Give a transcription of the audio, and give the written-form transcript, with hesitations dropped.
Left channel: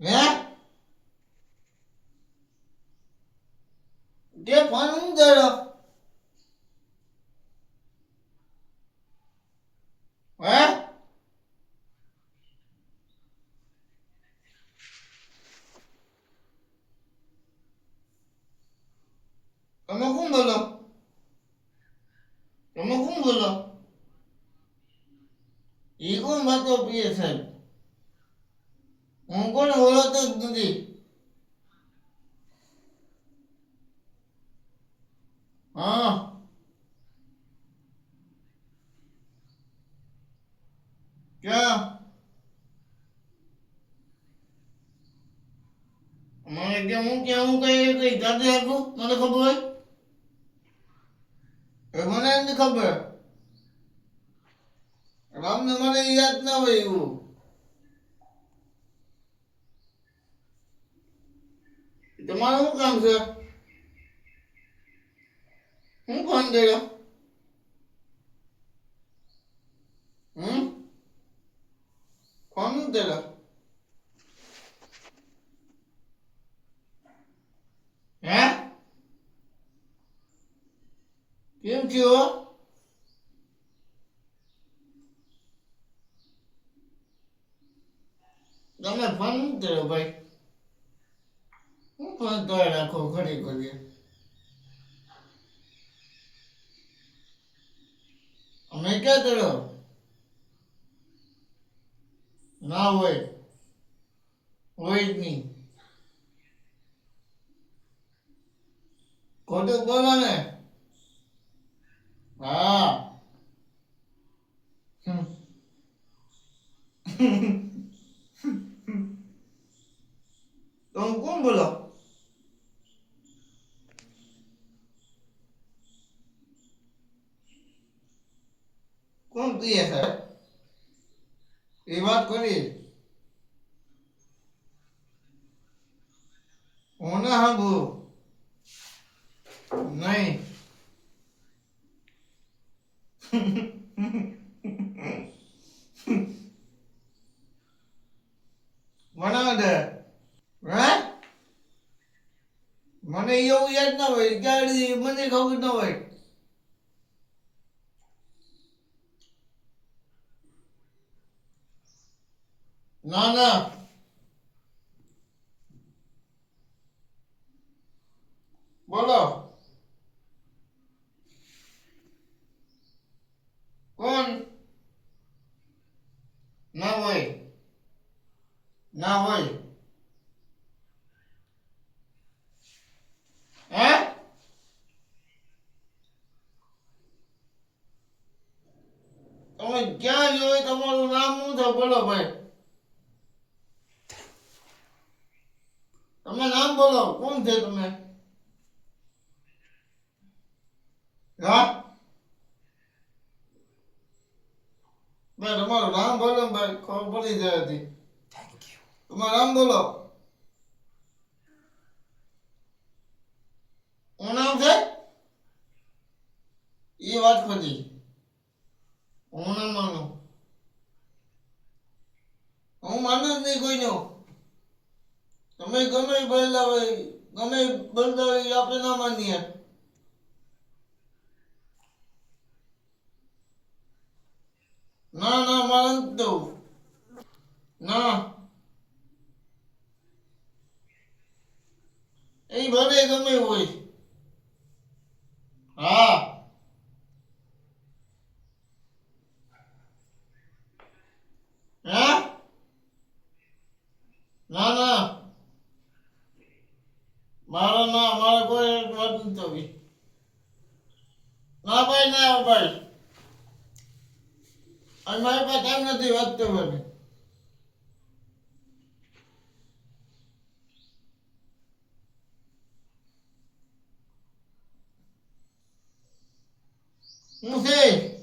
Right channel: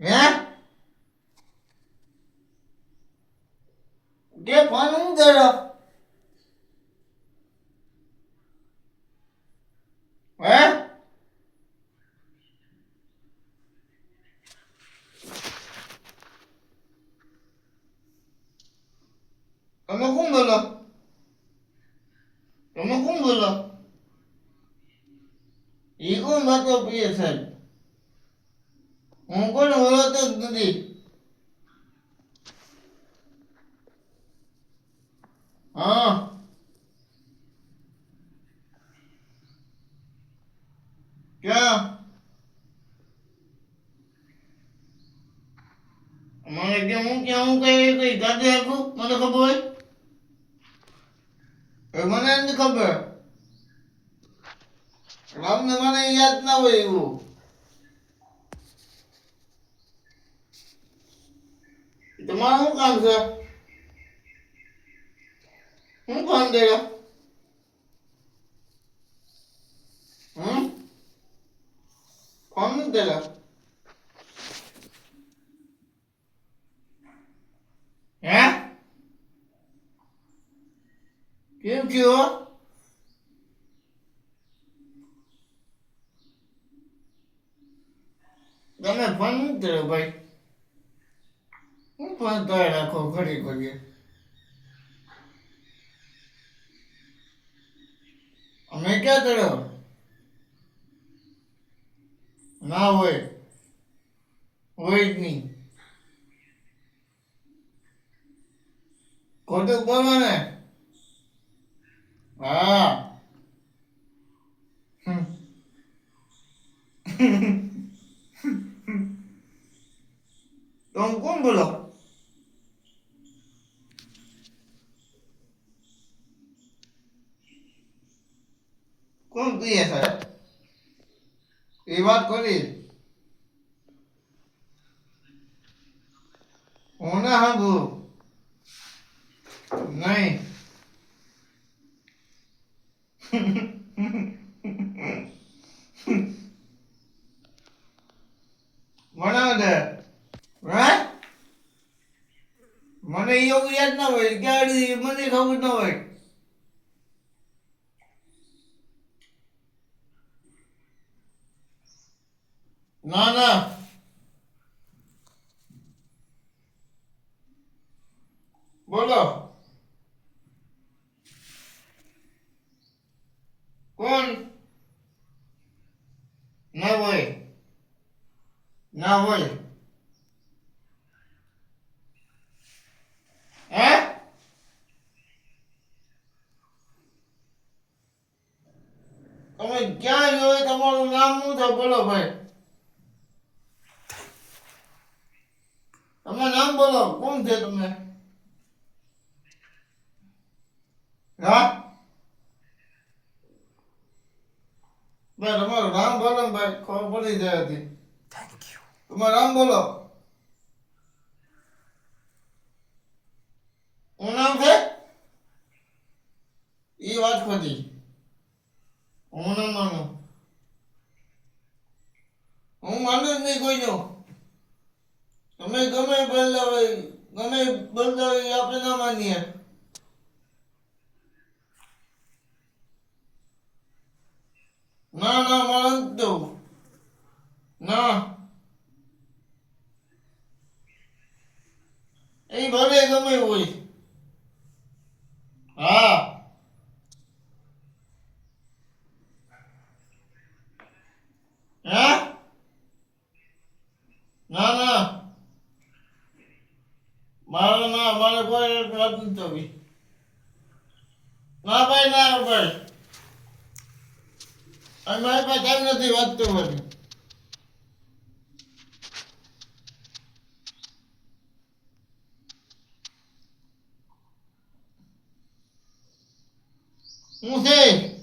હે તે ફોન હું કર્યો હે તમે કોણ બોલો તમે કોણ બોલો એ કોણ વાતો પીએ સાહેબ હું કોણ ઓળખતો જ નથી હા ક્યાં મને કે હું ક્યાં હું કઈ જાતે આખું મને ખબર હોય એ મને નથી ખબર રામને મને યાદ ના હોય એવું તમારું શું કામ છે હું ફોન કર્યો ફોન નથી કર્યો હે કેમ થયો તમે ફોન નથી કર્યો ભાઈ હું ફોન કરી રાખો ઘડી ઘડીએ અમે ક્યાં કર્યો ના હોય હોય જ નહીં ખોટું બોલો ને હા તમે કોણ બોલો કોણ પીએ સાહેબ એ વાત કરી હું ના સાંભળું નહીં બનાવ દે હે મને એવું યાદ ના હોય ગાડી મને ખબર ના હોય ના ના બોલો કોણ ના હોય ના હોય હે તમે ક્યાં હોય તમારું નામ શું છે બોલો ભાઈ તમે નામ બોલો કોણ છે તમે હા ભાઈ તમારું નામ બોલો ને ભાઈ ખબર પડી જાય હતી તમારું નામ બોલો શું નામ છે એ વાત ખોટી હું ના માનું હું માનું જ નહીં કોઈનું તમે ગમે બોલતા હોય ગમે બોલતા હોય એ આપણે ના માનીએ ના ના મારે નથી દઉં ના એ ભલે ગમે હોય હા હા ના ના મારે કોઈ વાત નથી થવી ના ભાઈ ના ભાઈ અને મારી પાસે ટાઈમ નથી વાત કરવાની હું છે